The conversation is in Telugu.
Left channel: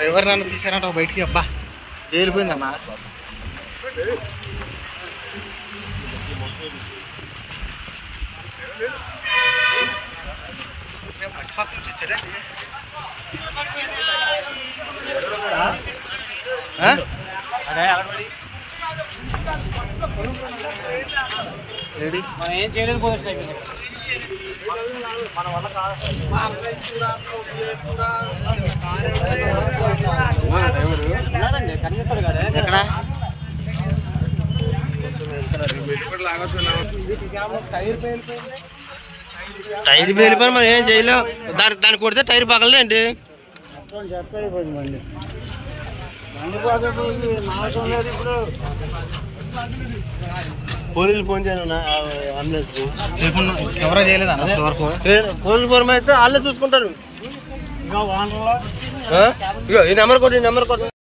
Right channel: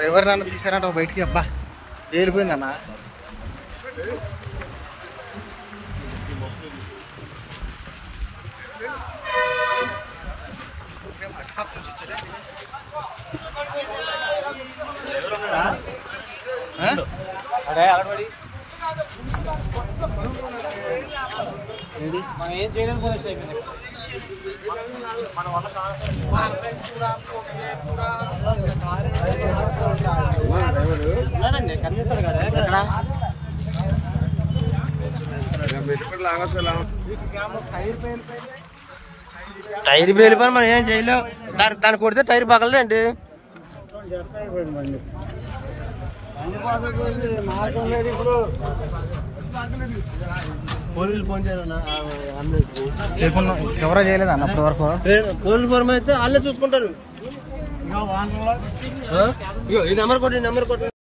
డ్రైవర్ నన్ను తీసారంట బయటికి. అబ్బా వెళ్ళిపోయిందన్న. మనం ఏం చేయలేదు. ఎక్కడ టైర్ పేలిపోయి మనం ఏం చేయలేం. దాన్ని కొడితే టైర్ పగలదండి. పోలీసులు ఫోన్ చేయను అంబులెన్స్ చేయకుండా ఎవరో చేయలేదు అన్న వరకు. పోలీసు ఫోన్ అయితే వాళ్ళే చూసుకుంటారు. ఇగో ఈ నెంబర్ కొట్టి